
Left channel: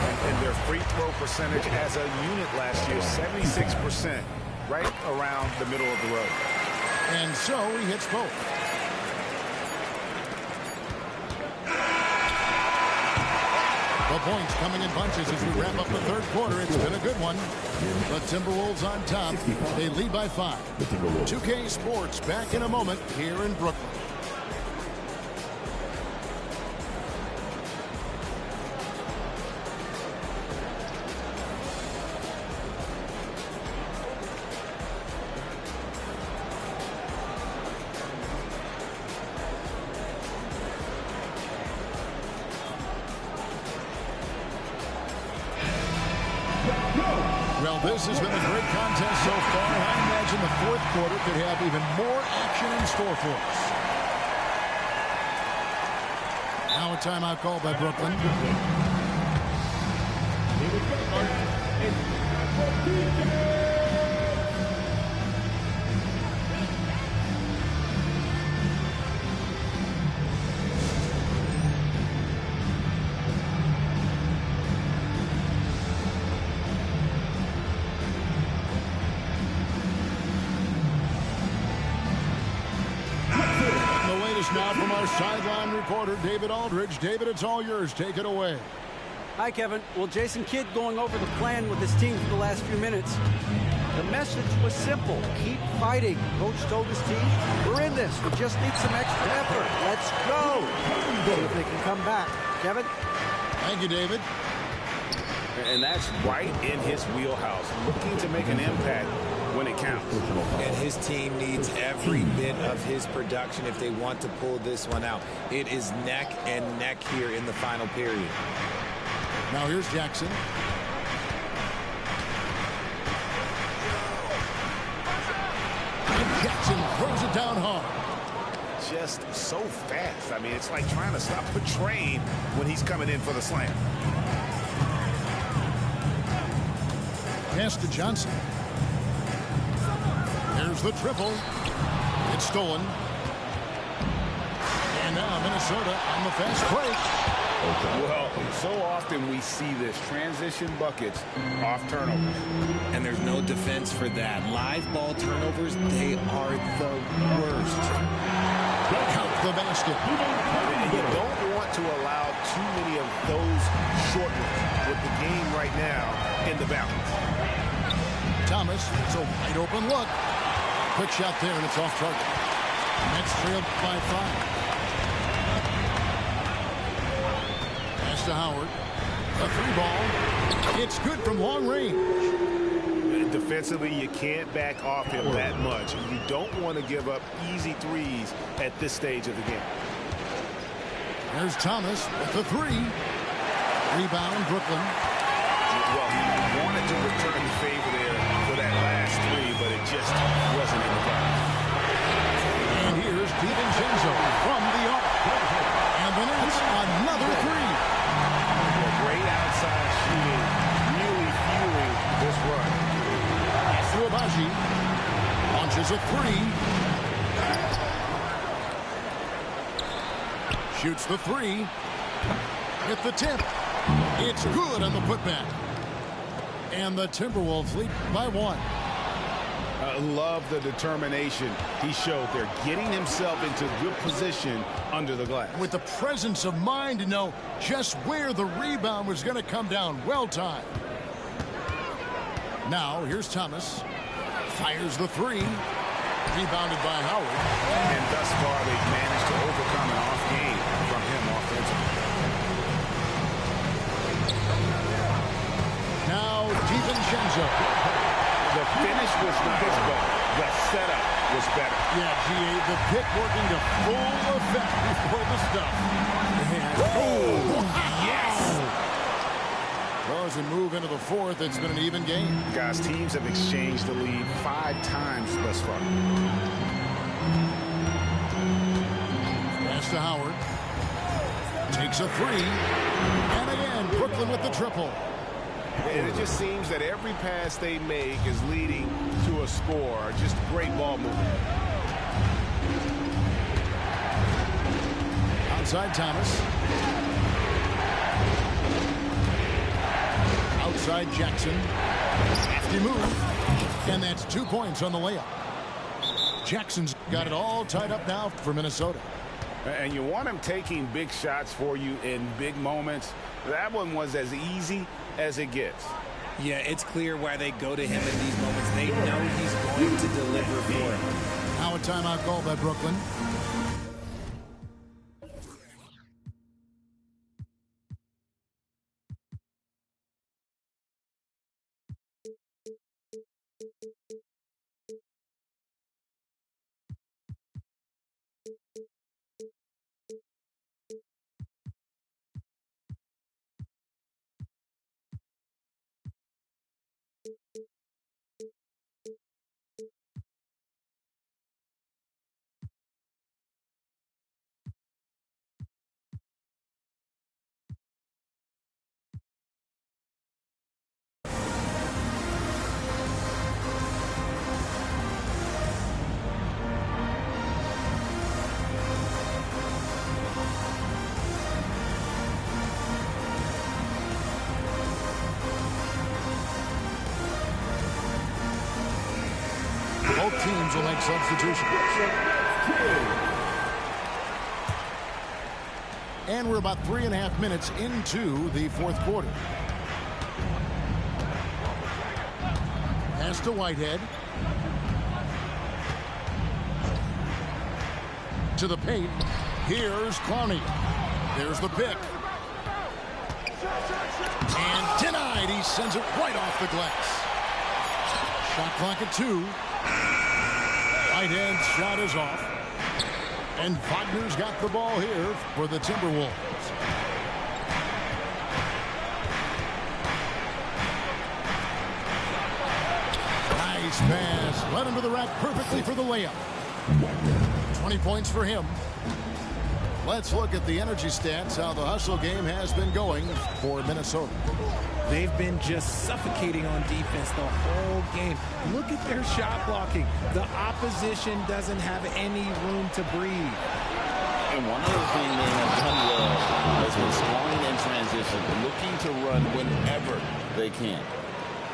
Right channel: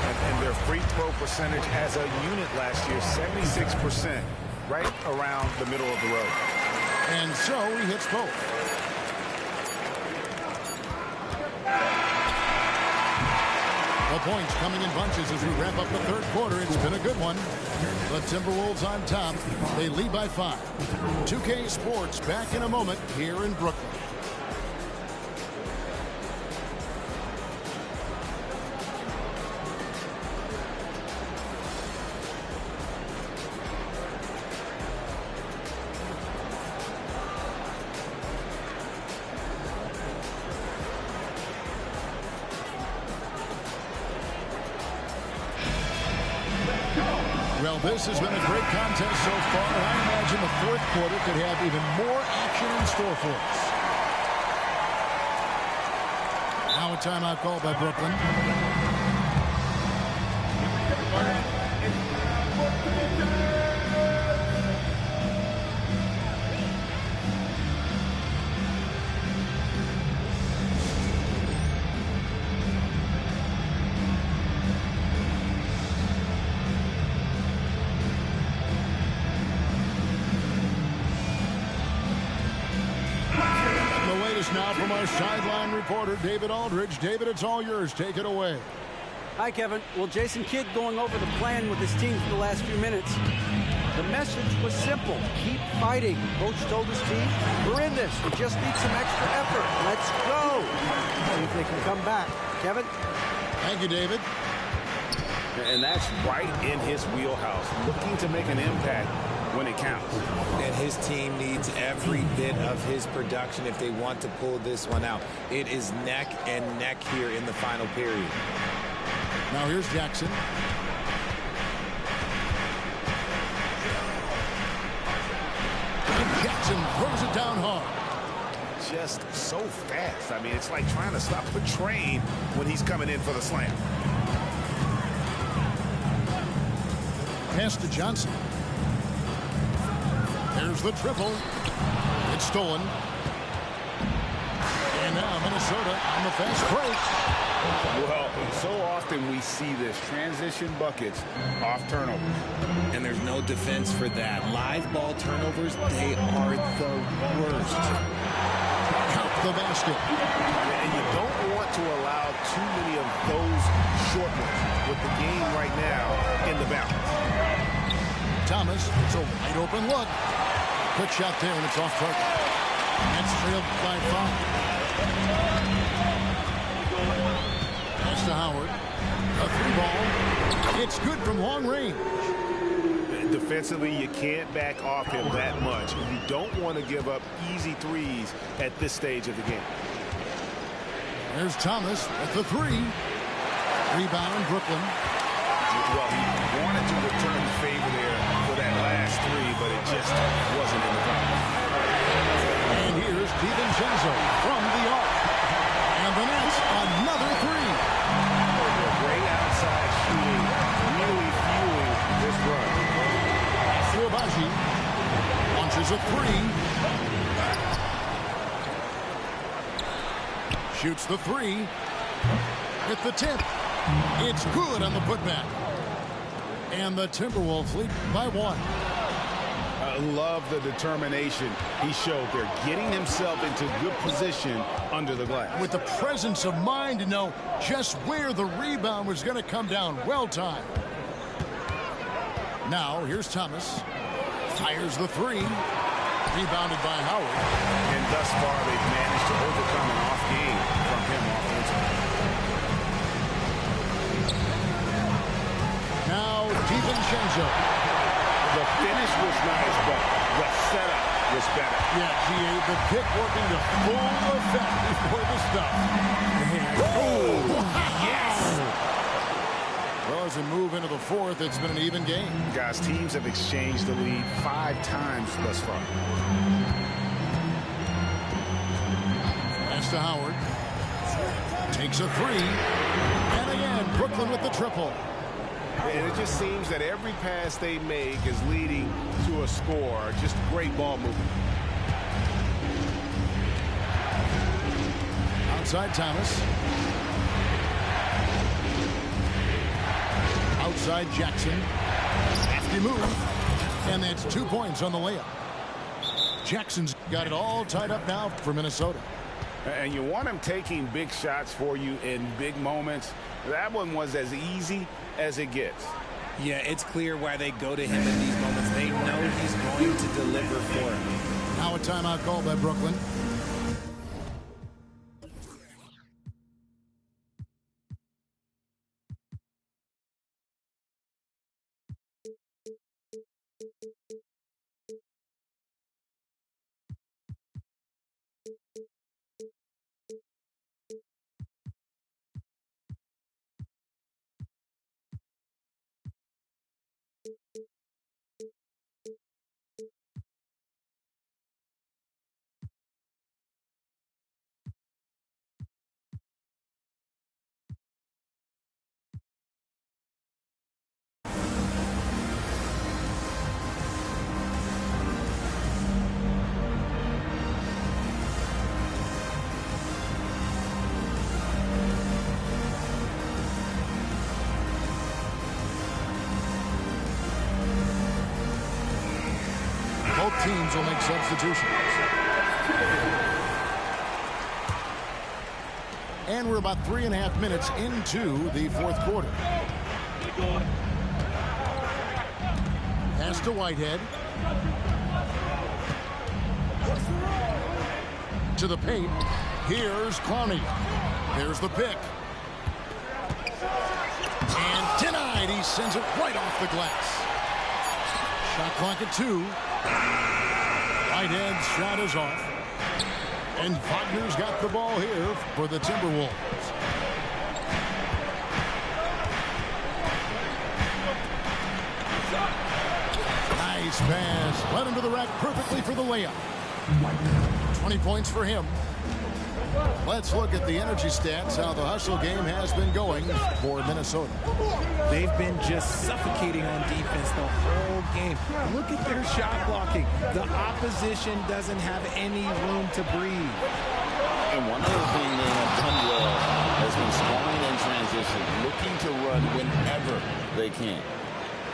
And their free throw percentage as a unit last year, 76%, right around the middle of the road. And so he hits both. The points coming in bunches as we wrap up the third quarter. It's been a good one. The Timberwolves on top. They lead by 5. 2K Sports back in a moment here in Brooklyn. Well, this has been a great contest so far, and I imagine the fourth quarter could have even more action in store for us. Now a timeout call by Brooklyn. Now from our sideline reporter, David Aldridge. David, it's all yours. Take it away. Hi, Kevin. Well, Jason Kidd going over the plan with his team for the last few minutes. The message was simple. Keep fighting. Coach told his team, we're in this. We just need some extra effort. Let's go. See if they can come back. Kevin? Thank you, David. And that's right in his wheelhouse, looking to make an impact when it counts. And his team needs every bit of his production if they want to pull this one out. It is neck and neck here in the final period. Now here's Jackson. And Jackson throws it down hard. Just so fast. I mean, it's like trying to stop a train when he's coming in for the slam. Pass to Johnson. There's the triple. It's stolen. And now Minnesota on the fast break. Well, so often we see this. Transition buckets off turnovers. And there's no defense for that. Live ball turnovers, they are the worst. Count the basket. And you don't want to allow too many of those short ones with the game right now in the balance. Thomas, it's a wide open look. Quick shot there, and it's off target. Nets trailed by 5. Pass to Howard. A 3-ball. It's good from long range. Defensively, you can't back off him that much. You don't want to give up easy threes at this stage of the game. There's Thomas with the 3. Rebound, Brooklyn. Well, he wanted to return the favor there for that last 3, but it just wasn't in the box. And here DiVincenzo from the arc. And the Nets, another three. Great outside shooting, really fueling this run. Pass to Agbaji. Launches a three. Shoots the three. Hit the tip. It's good on the putback. And the Timberwolves lead by one. I love the determination he showed there, getting himself into good position under the glass. With the presence of mind to know just where the rebound was going to come down. Well timed. Now, here's Thomas. Fires the three. Rebounded by Howard. And thus far, they've managed to overcome an off game from him offensively. Now, DiVincenzo. The finish was nice, but the setup was better. Yeah, G.A., the pick working to full effect before the stuff. Oh, yes! Well, as we move into the fourth, it's been an even game. Guys, teams have exchanged the lead 5 times thus far. Pass to Howard. Takes a three. And again, Brooklyn with the triple. And it just seems that every pass they make is leading to a score. Just great ball movement. Outside Thomas. Outside Jackson. Hefty move. And that's 2 points on the layup. Jackson's got it all tied up now for Minnesota. And you want him taking big shots for you in big moments. That one was as easy as it gets. Yeah, it's clear why they go to him in these moments. They know he's going to deliver for them. Now a timeout called by Brooklyn. Both teams will make substitutions. And we're about 3.5 minutes into the fourth quarter. Pass to Whitehead. To the paint. Here's Clowney. There's the pick. And denied. He sends it right off the glass. Shot clock at 2. Whitehead's shot is off. And Wagner's got the ball here for the Timberwolves. Nice pass. Led him to the rack perfectly for the layup. 20 points for him. Let's look at the energy stats, how the hustle game has been going for Minnesota. They've been just suffocating on defense the whole game. Look at their shot blocking. The opposition doesn't have any room to breathe. And one other thing they have done well has been scoring in transition, looking to run whenever they can.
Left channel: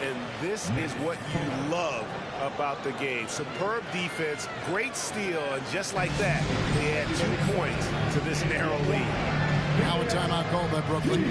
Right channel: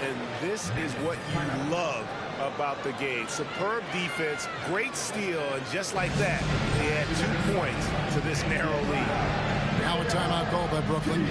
And this is what you love about the game. Superb defense, great steal, and just like that, they add 2 points to this narrow lead. Now a timeout called by Brooklyn.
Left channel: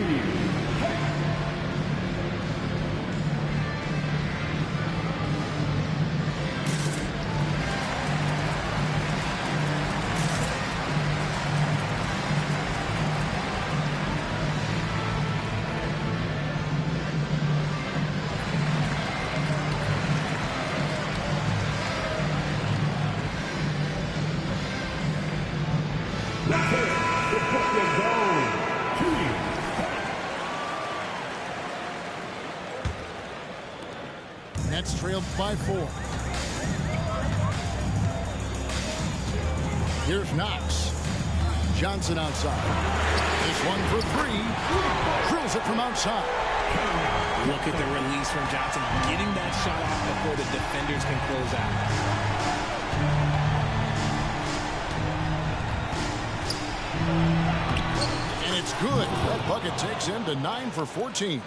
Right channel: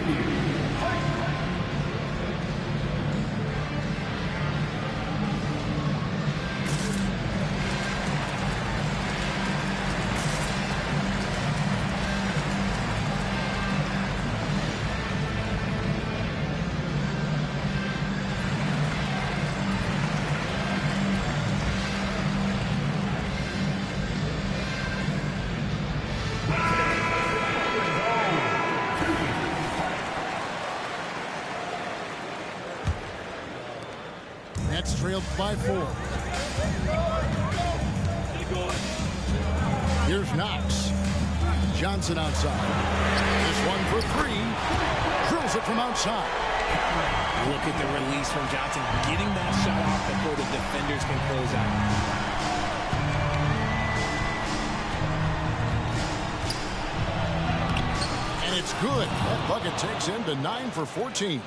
Nets trailed by 4. Here's Knox. Johnson outside. This one for three. Drills it from outside. Look at the release from Johnson, getting that shot off before the defenders can close out. And it's good. That bucket takes him to 9 for 14.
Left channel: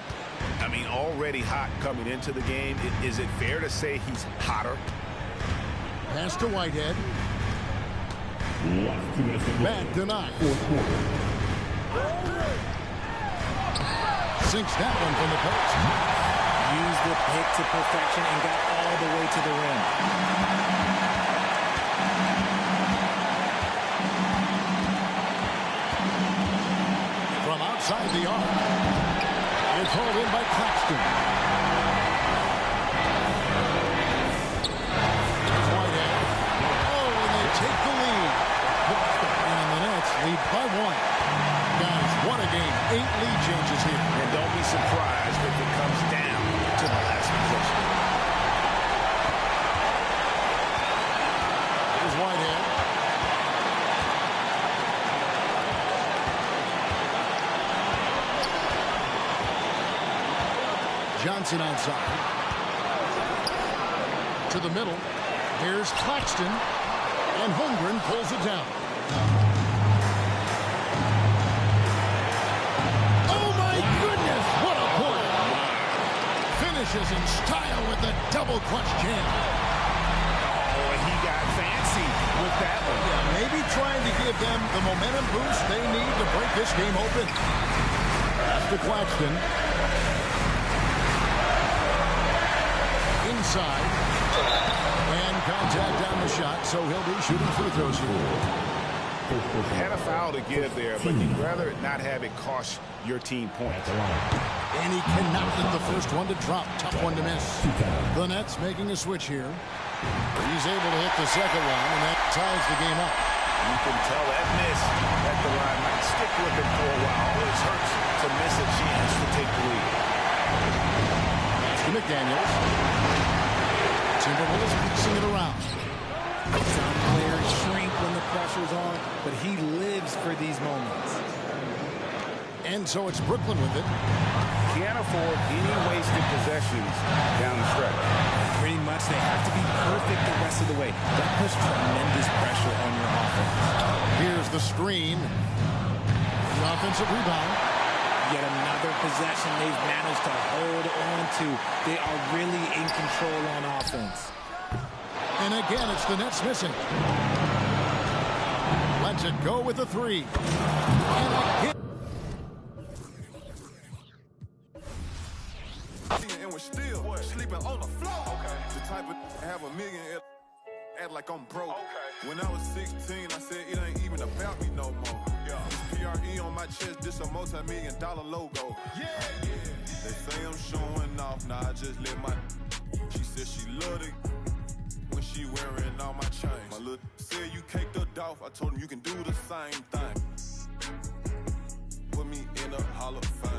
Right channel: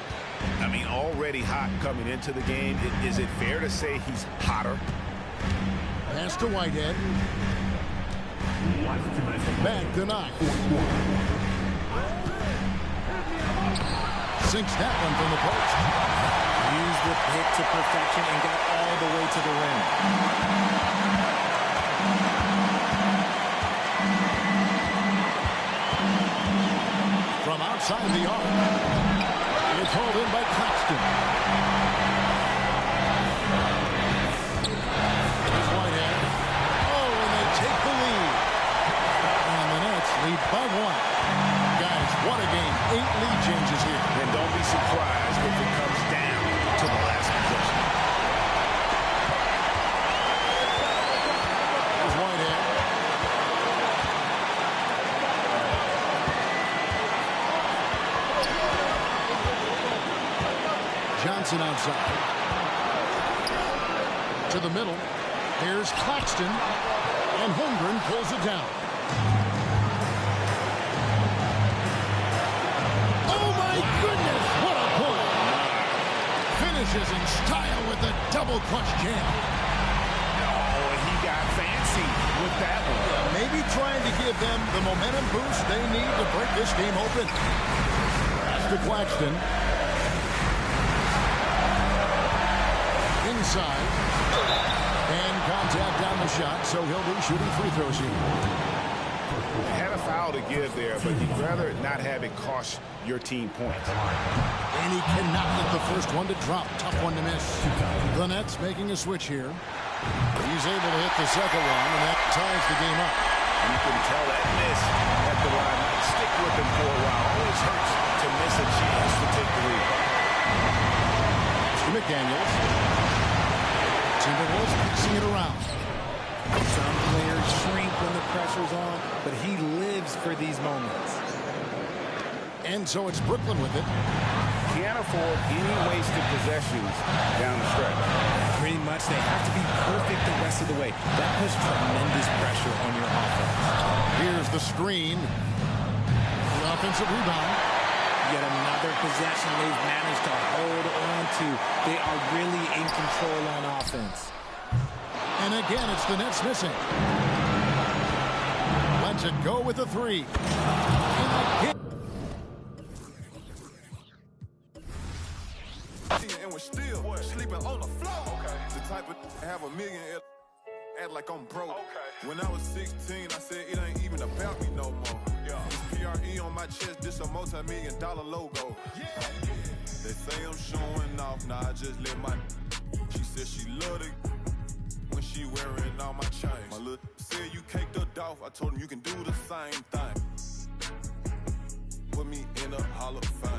I mean, already hot coming into the game. Is it fair to say he's hotter? Pass to Whitehead. Back to Knox. Sinks that one from the post. Used the pick to perfection and got all the way to the rim. From outside the arc. It's hauled in by Claxton. Here's Whitehead. Oh, and they take the lead. And the Nets lead by 1. Guys, what a game. 8 lead changes here. And don't be surprised if it comes down to the last possession. Here's Whitehead. Johnson outside. To the middle. Here's Claxton. And Holmgren pulls it down. Goodness, what a play. Finishes in style with the double clutch jam. Oh, he got fancy with that one. Yeah, maybe trying to give them the momentum boost they need to break this game open. Pass to Claxton. Inside. And contact on the shot, so he'll be shooting free throws here. Had a foul to give there, but you'd rather not have it cost your team points. And he cannot let the first one to drop. Tough one to miss. The Nets making a switch here. He's able to hit the second one, and that ties the game up. You can tell that miss at the line might stick with him for a while. Always hurts to miss a chance to take the lead. Pass to McDaniels. Timberwolves passing it around. Some players shrink when the pressure's on, but he lives for these moments. And so it's Brooklyn with it. Can't afford any wasted possessions down the stretch. Pretty much, they have to be perfect the rest of the way. That puts tremendous pressure on your offense. Here's the screen. The offensive rebound. Yet another possession they've managed to hold on to. They are really in control on offense. And again, it's the Nets missing. Lets it go with a three. And again. And we're still sleeping on the floor. Okay. The type of have $1 million, act like I'm broke. Okay. When I was 16, I said it ain't even about me no more. Yeah. This PRE on my chest, this a multi-million-dollar logo. Yeah. They say I'm showing off, nah, I just let my. She said she loved it when she wearing all my chains. My little said you caked her off. I told him you can do the same thing. Put me in a Hall of Fame.